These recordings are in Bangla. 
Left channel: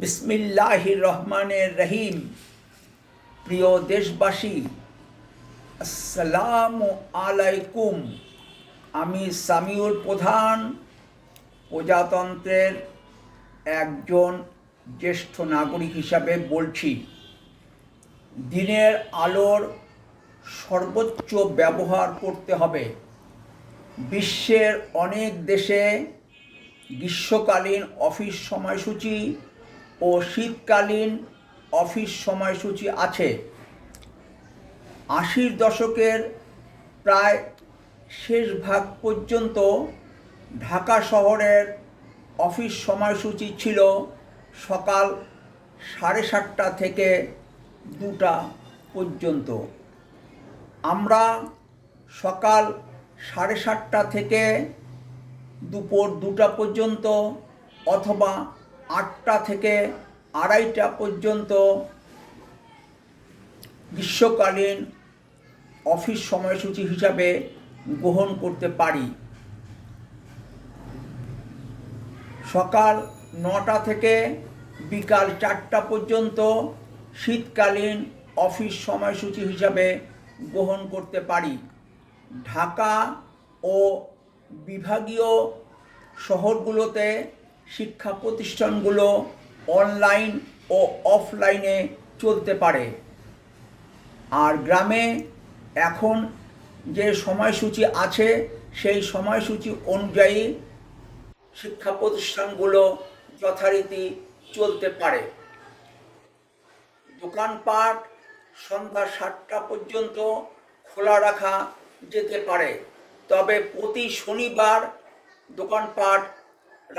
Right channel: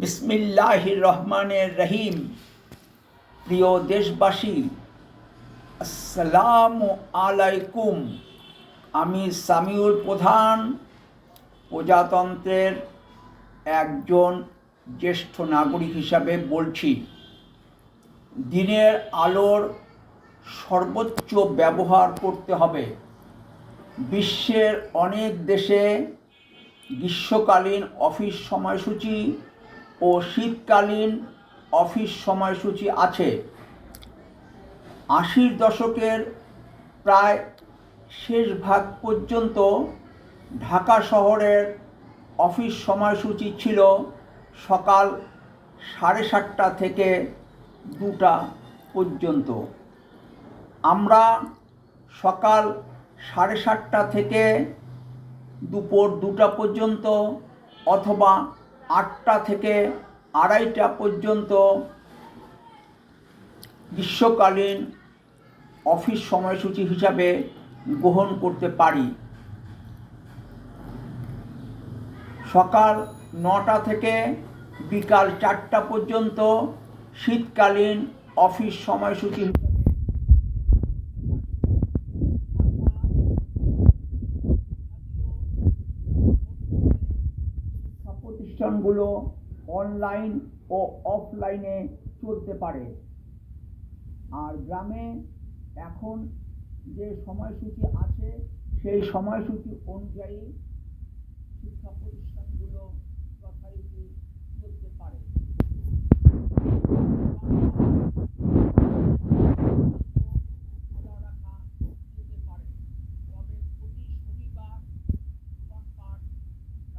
বিসমিল্লাহির রহমানির রহিম। প্রিয় দেশবাসী, আসসালামু আলাইকুম। আমি সামিউল প্রধান, প্রজাতন্ত্রের একজন জ্যেষ্ঠ নাগরিক হিসাবে বলছি। দিনের আলোর সর্বোচ্চ ব্যবহার করতে হবে। বিশ্বের অনেক দেশে গ্রীষ্মকালীন অফিস সময়সূচি ও শীতকালীন অফিস সময়সূচি আছে। 80-র দশকের প্রায় শেষ ভাগ পর্যন্ত ঢাকা শহরের অফিস সময়সূচি ছিল সকাল 7:30টা থেকে 2টা পর্যন্ত। আমরা সকাল 7:30টা থেকে দুপুর 2টা পর্যন্ত অথবা 8টা থেকে 2:30টা পর্যন্ত গ্রীষ্মকালীন অফিস সময়সূচি হিসাবে গ্রহণ করতে পারি। সকাল 9টা থেকে বিকাল 4টা পর্যন্ত শীতকালীন অফিস সময়সূচি হিসাবে গ্রহণ করতে পারি। ঢাকা ও বিভাগীয় শহরগুলোতে শিক্ষা প্রতিষ্ঠানগুলো অনলাইন ও অফলাইনে চলতে পারে। আর গ্রামে এখন যে সময়সূচি আছে সেই সময়সূচি অনুযায়ী শিক্ষা প্রতিষ্ঠানগুলো যথারীতি চলতে পারে। দোকানপাট সন্ধ্যা 7টা পর্যন্ত খোলা রাখা যেতে পারে, তবে প্রতি শনিবার দোকানপাট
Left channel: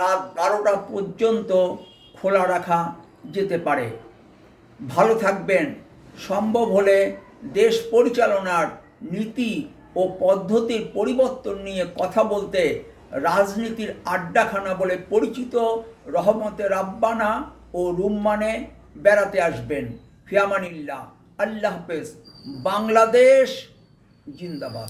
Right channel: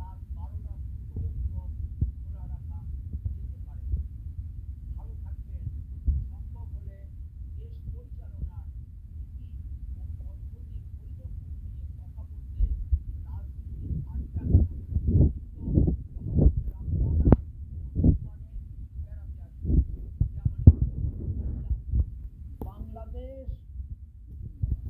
রাত 12টা পর্যন্ত খোলা রাখা যেতে পারে। ভালো থাকবেন। সম্ভব হলে দেশ পরিচালনার নীতি ও পদ্ধতির পরিবর্তন নিয়ে কথা বলতে রাজনীতির আড্ডাখানা বলে পরিচিত রহমতে রাব্বানা ও রুম্মানে বেড়াতে আসবেন। ফিয়ামানিল্লাহ। আল্লাহ হাফেজ। বাংলাদেশ জিন্দাবাদ।